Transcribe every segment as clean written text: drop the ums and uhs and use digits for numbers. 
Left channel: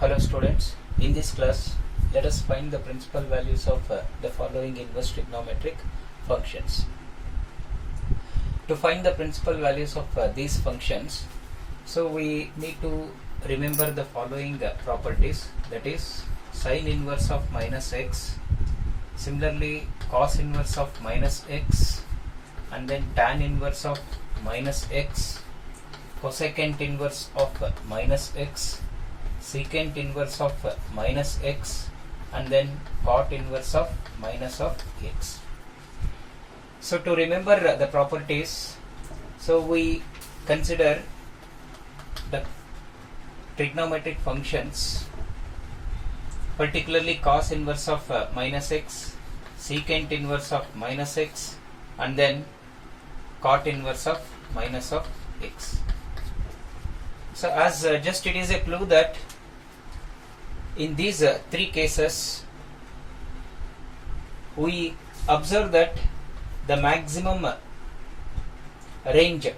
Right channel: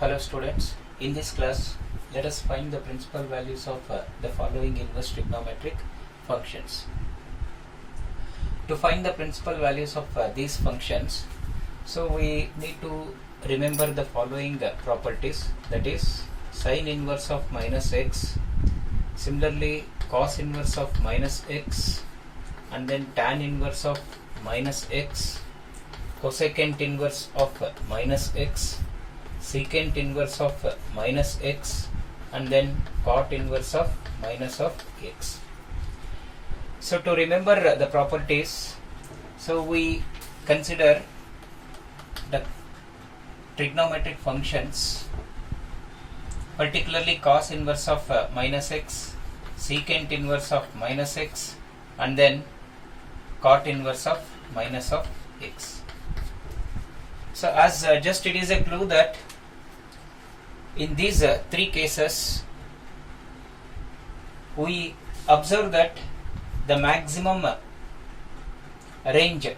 Hello students, in this class let us find the principal values of the following inverse trigonometric functions. To find the principal values of these functions, so we need to remember the following properties, that is sine inverse of minus x, similarly cos inverse of minus x, and then tan inverse of minus x, cosecant inverse of minus x, secant inverse of minus x, and then cot inverse of minus of x. So to remember the properties, so we consider the trigonometric functions, particularly cos inverse of minus x, secant inverse of minus x, and then cot inverse of minus of x. So as just it is a clue that in these three cases we observe that the maximum range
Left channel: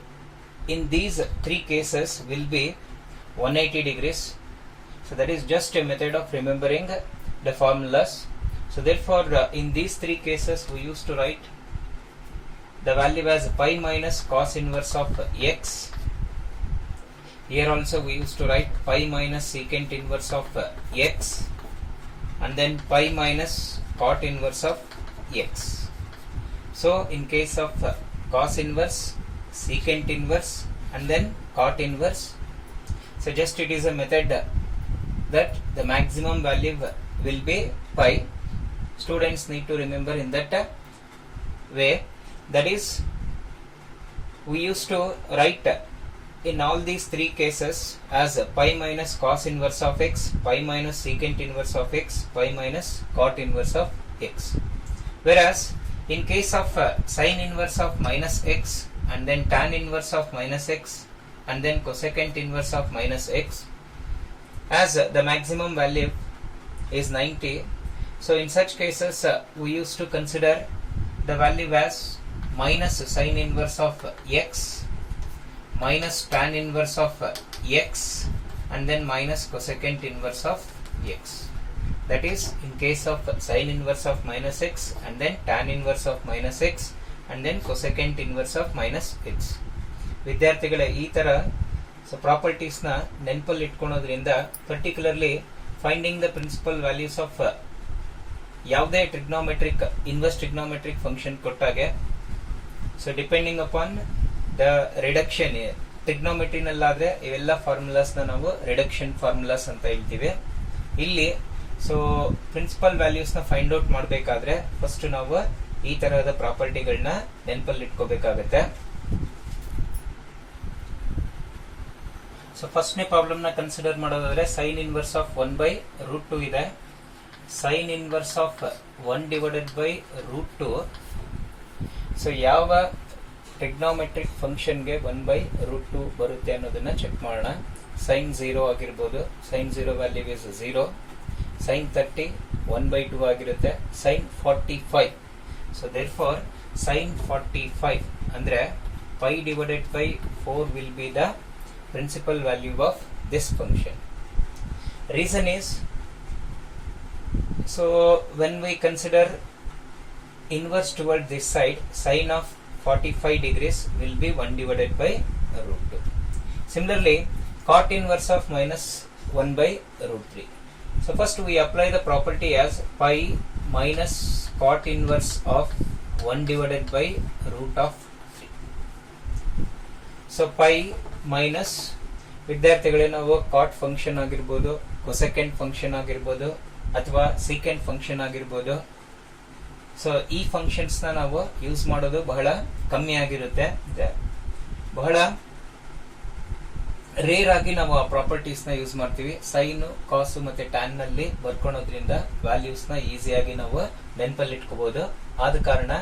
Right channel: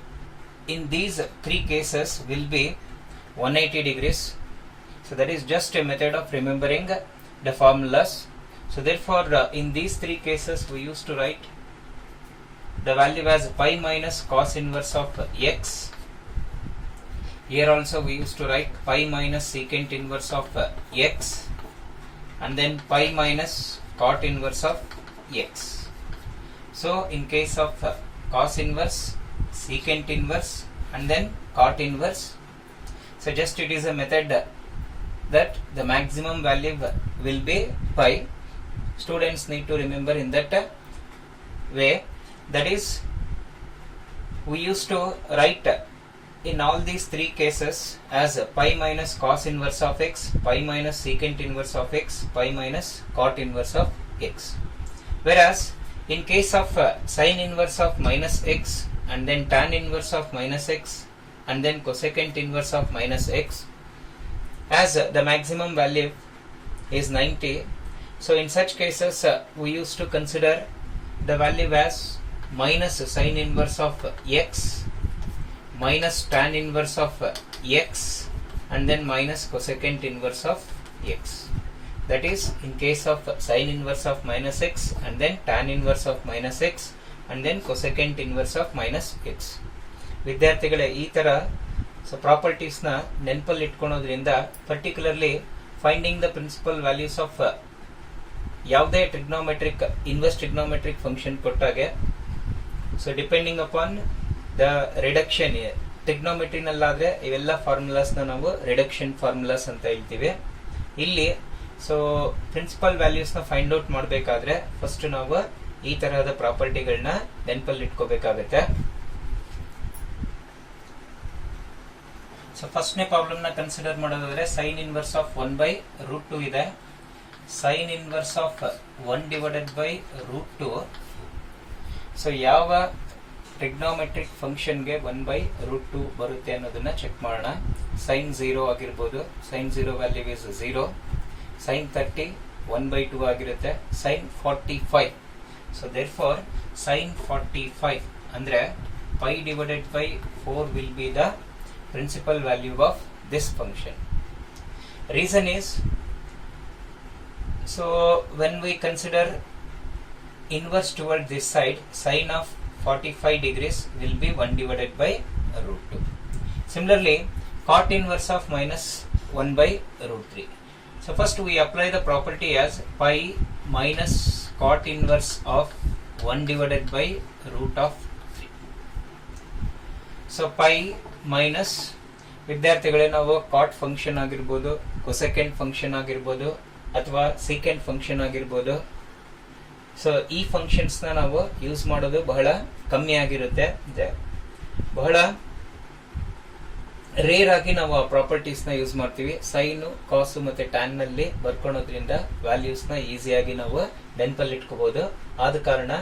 in these three cases will be 180 degrees. So that is just a method of remembering the formulas. So therefore in these three cases we used to write the value as pi minus cos inverse of x. Here also we used to write pi minus secant inverse of x, and then pi minus cot inverse of x. So in case of cos inverse, secant inverse, and then cot inverse, so just it is a method that the maximum value will be pi. Students need to remember in that way, that is we used to write in all these three cases as pi minus cos inverse of x, pi minus secant inverse of x, pi minus cot inverse of x. Whereas in case of sine inverse of minus x, and then tan inverse of minus x, and then cosecant inverse of minus x, as the maximum value is 90, so in such cases we used to consider the value as minus sine inverse of x, minus tan inverse of x, and then minus cosecant inverse of x. That is in case of sine inverse of minus x, and then tan inverse of minus x, and then cosecant inverse of minus x. ವಿದ್ಯಾರ್ಥಿಗಳೇ ಈ ತರ so properties ನ ನೆನಪಲ್ಲಿ ಇಟ್ಕೊಳ್ಳೋದ್ರಿಂದ particularly finding the principal values of ಯಾವುದೇ trigonometric inverse trigonometric function ಕೊಟ್ಟಾಗೆ, so depending upon the reduction, ಟ್ರಿಗ್ನೋಮೆಟ್ರಿನಲ್ಲಾದ್ರೆ ಇವೆಲ್ಲ ಫಾರ್ಮುಲಾಸ್ ನಾವು ರಿಡಕ್ಷನ್ ಫಾರ್ಮುಲಾಸ್ ಅಂತ ಹೇಳ್ತೀವಿ. ಇಲ್ಲಿ ಸೊ ಪ್ರಿನ್ಸಿಪಲ್ ವ್ಯಾಲ್ಯೂಸ್ ನ ಫೈಂಡ್ ಔಟ್ ಮಾಡಬೇಕಾದ್ರೆ ಫಸ್ಟ್ ನಾವು ಈ ತರಹದ ಪ್ರಾಪರ್ಟಿಗಳನ್ನ ನೆನಪಲ್ಲಿ ಇಟ್ಕೋಬೇಕಾಗತ್ತೆ. ಸೊ ಫಸ್ಟ್ನೇ ಪ್ರಾಬ್ಲಮ್ ನ ಕನ್ಸಿಡರ್ ಮಾಡೋದಾದ್ರೆ ಸೈನ್ ಇನ್ವರ್ಸ್ ಆಫ್ 1/√2 ಇದೆ. Sine inverse of 1/√2. ಸೊ ಯಾವ ಟ್ರಿಗ್ನೋಮೆಟ್ರಿಕ್ ಫಂಕ್ಷನ್ಗೆ 1/√2 ಬರುತ್ತೆ ಅನ್ನೋದನ್ನ ಚೆಕ್ ಮಾಡೋಣ. ಸೈನ್ 0 ಆಗಿರ್ಬೋದು, ಸೈನ್ 0 ವ್ಯಾಲ್ಯೂ ಇಸ್ 0. ಸೈನ್ 30 1/2 ಆಗಿರುತ್ತೆ. Sine 45, so therefore sine 45 ಅಂದ್ರೆ pi/4 will be the principal value of this function. Reason is, so when we consider inverse toward this side, sine of 45 degrees will be 1/√2. Similarly, cot inverse of minus 1/√3. So first we apply the property as pi minus cot inverse of 1/√3. So pi minus, ವಿದ್ಯಾರ್ಥಿಗಳೇ ನಾವು ಕಾಟ್ function ಆಗಿರ್ಬೋದು, cosecant function ಆಗಿರ್ಬೋದು, ಅಥವಾ secant function ಆಗಿರ್ಬೋದು, so ಈ functions ನ ನಾವು use ಮಾಡೋದು ಬಹಳ ಕಮ್ಮಿ ಆಗಿರುತ್ತೆ. ಬಹಳ ರೇರ್ ಆಗಿ ನಾವು ಆ ಪ್ರಾಪರ್ಟೀಸ್ ನ ಯೂಸ್ ಮಾಡ್ತೀವಿ. ಸೈನ್, ಕಾಸು ಮತ್ತೆ ಟ್ಯಾನ್ ನಲ್ಲಿ ಬರ್ಕೊಳೋದ್ರಿಂದ ವ್ಯಾಲ್ಯೂಸ್ ನ ಈಸಿಯಾಗಿ ನಾವು ನೆನಪಲ್ಲಿ ಇಟ್ಕೋಬಹುದು. ಆದ ಕಾರಣ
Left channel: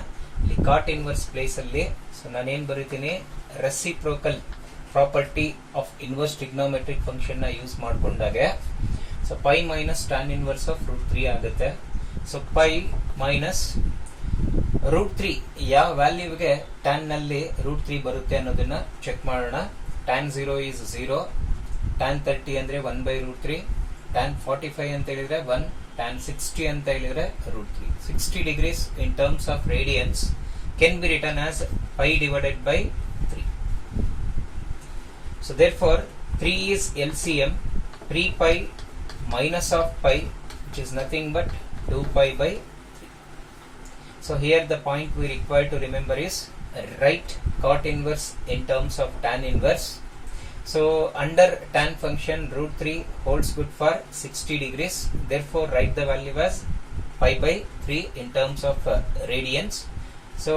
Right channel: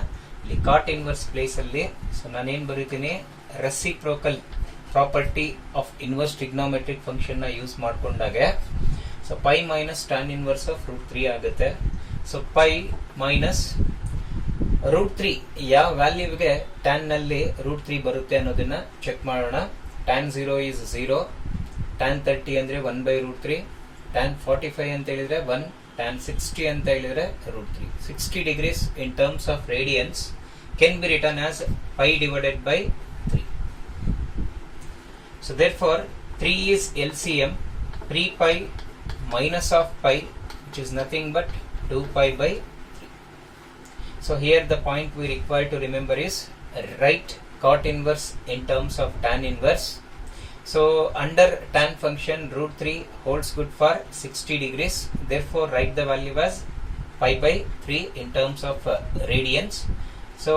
ಇಲ್ಲಿ ಕಾಟ್ ಇನ್ವರ್ಸ್ ಪ್ಲೇಸ್ ಅಲ್ಲಿ ಸೊ ನಾನೇನ್ ಬರೀತೀನಿ, reciprocal property of inverse trigonometric function ನ ಯೂಸ್ ಮಾಡ್ಕೊಂಡಾಗ so pi minus tan inverse of √3 ಆಗುತ್ತೆ. ಸೊ ಪೈ ಮೈನಸ್ √3 ಯಾವ ವ್ಯಾಲ್ಯೂಗೆ ಟ್ಯಾನ್ ನಲ್ಲಿ √3 ಬರುತ್ತೆ ಅನ್ನೋದನ್ನ ಚೆಕ್ ಮಾಡೋಣ. tan 0 is 0, tan 30 ಅಂದ್ರೆ 1/√3, tan 45 ಅಂತ ಹೇಳಿದ್ರೆ 1, tan 60 ಅಂತ ಹೇಳಿದ್ರೆ root 3. 60 degrees in terms of radians can be written as pi divided by 3. So therefore 3 is LCM, 3 pi minus of pi, which is nothing but 2 pi by 3. So here the point we require to remember is write cot inverse in terms of tan inverse. So under tan function root 3 holds good for 60 degrees. Therefore write the value as pi by 3 in terms of radians. So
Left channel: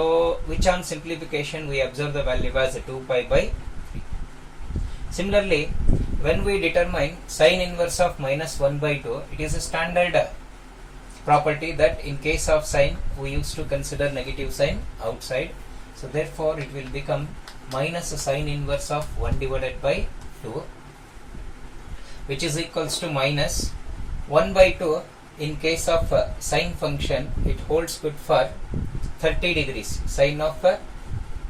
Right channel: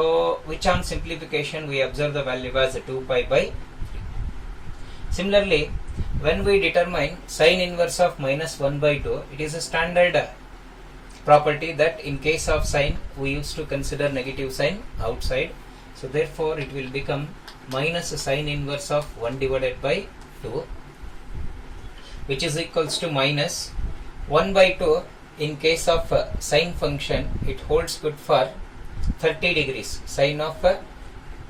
which on simplification we observe the value as 2 pi by 3. Similarly, when we determine sin inverse of minus 1 by 2, it is a standard property that in case of sin we used to consider negative sign outside. So therefore it will become minus sin inverse of 1 divided by 2, which is equals to minus 1 by 2. In case of sine function, it holds good for 30 degrees. Sine of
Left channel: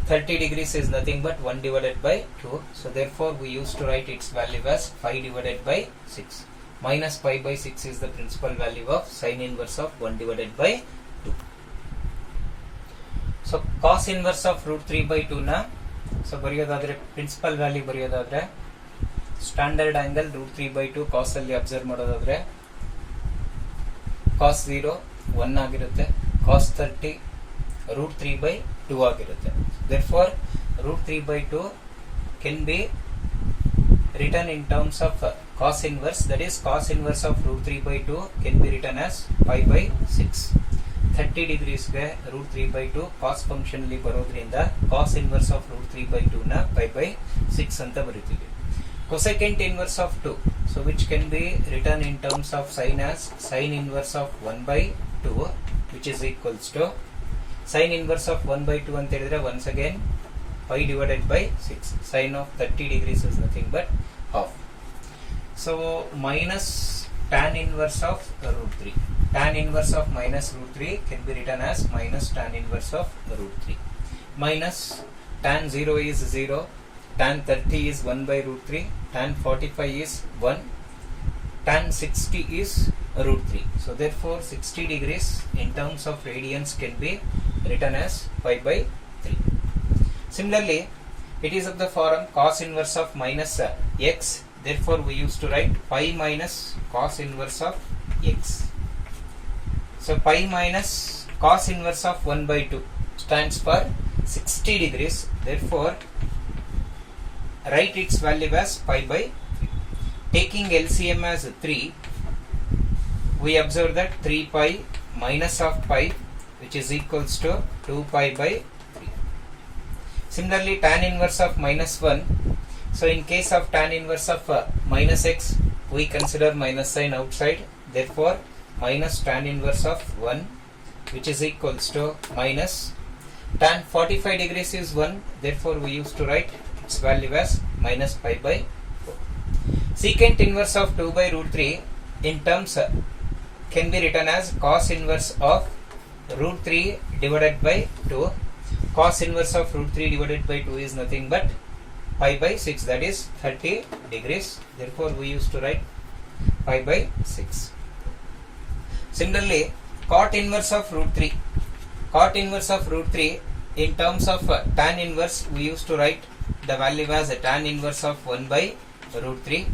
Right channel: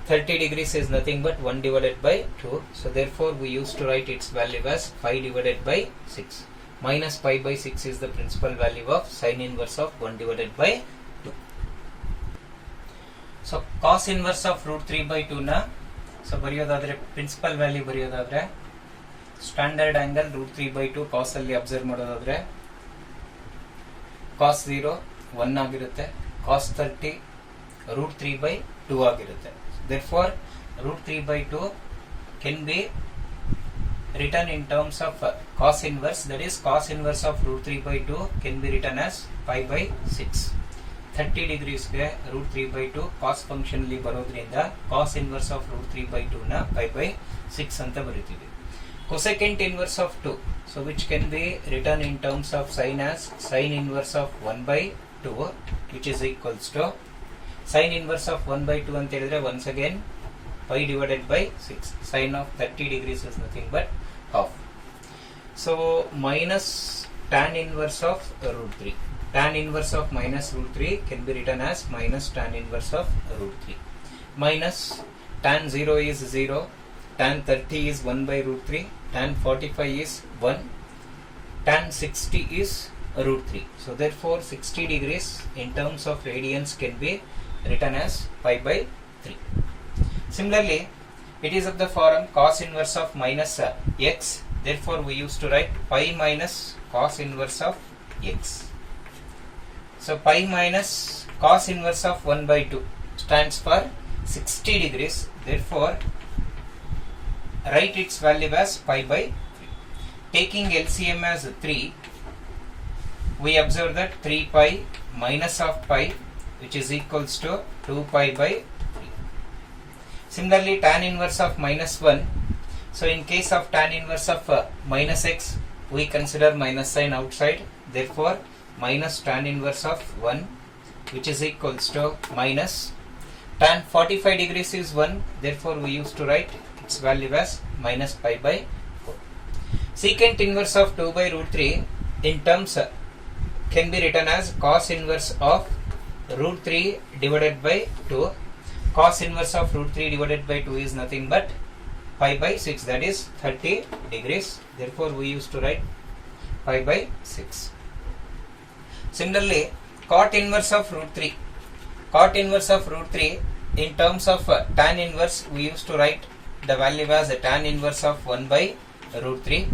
30 degrees is nothing but 1 divided by 2. So therefore we used to write its value as pi divided by 6. Minus pi by 6 is the principal value of sine inverse of 1 divided by 2. So cos inverse of root 3 by 2 na, so ಬರೆಯೋದಾದ್ರೆ principal value ಬರೆಯೋದಾದ್ರೆ standard angle root 3 by 2 cos ಅಲ್ಲಿ observe ಮಾಡೋದಾದ್ರೆ ಕಾಸ್ 0 1 ಆಗಿರುತ್ತೆ, ಕಾಸ್ 30 root 3 by 2 ಆಗಿರುತ್ತೆ. Therefore root 3 by 2 can be written in terms of cos inverse, that is cos inverse of root 3 by 2 can be written as pi by 6. 30 degrees ಗೆ root 3 by 2 cos function ಅಲ್ಲಿ ಬರೋದ್ರಿಂದ cos inverse of root 3 by 2 ನ pi by 6 ಅಂತ ಬರೀತೀವಿ. Cosecant inverse of 2, so which can be written in terms of sin as sin inverse of 1 by 2, which is equals to sin inverse of 1 by 2 ಅಂತ ಹೇಳಿದ್ರೆ once again pi divided by 6. Sin of 30 degrees is nothing but half. So minus tan inverse of root 3. Tan inverse of minus root 3 can be written as minus tan inverse of root 3. Minus tan 0 is 0, tan 30 is 1 by root 3, tan 45 is 1, tan 60 is root 3. So therefore 60 degrees in terms of radians can be written as pi by 3. Similarly, it is of the form cos inverse of minus x. Therefore we used to write pi minus cos inverse of x. So pi minus cos inverse of 1 by 2 stands for 60 degrees. Therefore write its value as pi by 3. Taking LCM as 3, we observe that 3 pi minus of pi, which is equals to 2 pi by 3. Similarly, tan inverse of minus 1. So in case of tan inverse of minus x, we consider minus sign outside. Therefore minus tan inverse of 1, which is equals to minus tan 45 degrees is 1. Therefore we used to write its value as minus pi by 4. Secant inverse of 2 by root 3 in terms can be written as cos inverse of root 3 divided by 2. Cos inverse of root 3 divided by 2 is nothing but pi by 6, that is 30 degrees. Therefore we used to write pi by 6. Similarly, cot inverse of root 3. Cot inverse of root 3 in terms of tan inverse, we used to write the value as tan inverse of 1 by root 3.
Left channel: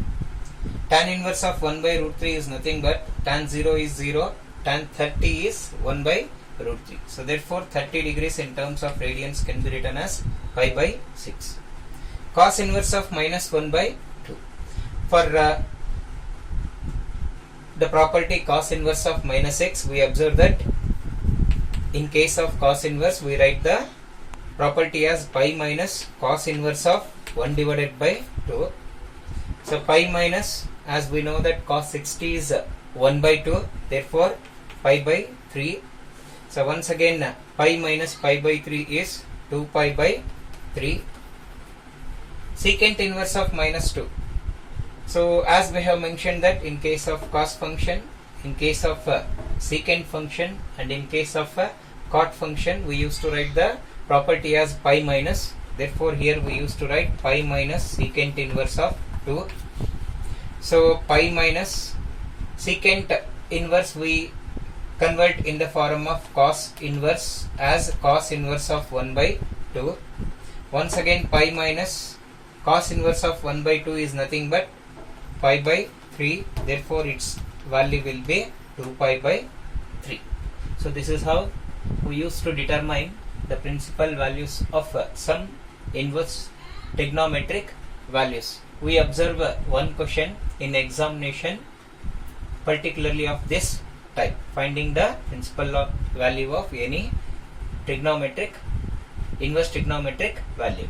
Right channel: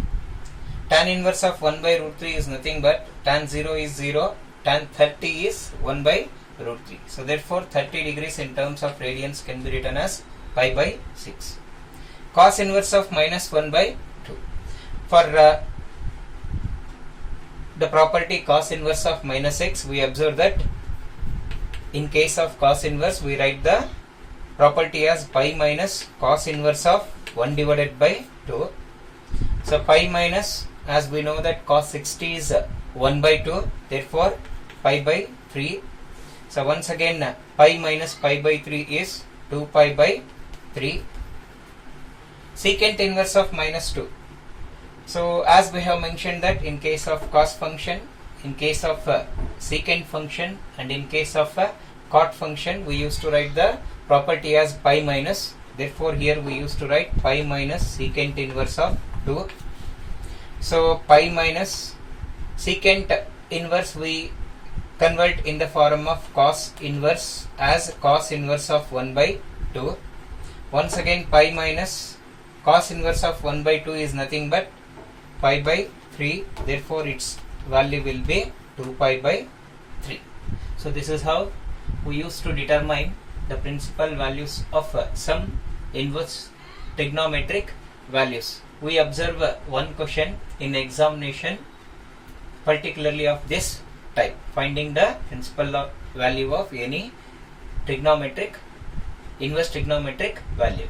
Tan inverse of 1 by root 3 is nothing but tan 0 is 0, tan 30 is 1 by root 3. So therefore 30 degrees in terms of radians can be written as pi by 6. Cos inverse of minus 1 by 2. For the property cos inverse of minus x, we observe that in case of cos inverse, we write the property as pi minus cos inverse of 1 divided by 2. So pi minus, as we know that cos 60 is 1 by 2, therefore pi by 3. So once again pi minus pi by 3 is 2 pi by 3. Secant inverse of minus 2. So as we have mentioned that in case of cos function, in case of secant function, and in case of cot function, we used to write the property as pi minus. Therefore here we used to write pi minus secant inverse of 2. So pi minus Secant inverse we convert in the form of cos inverse as cos inverse of 1 by 2. Once again pi minus cos inverse of 1 by 2 is nothing but pi by 3, therefore its value will be 2 pi by 3. So this is how we used to determine the principal values of some inverse trigonometric values. We observe one question in examination particularly of this type, finding the principal value of any trigonometric inverse trigonometric value.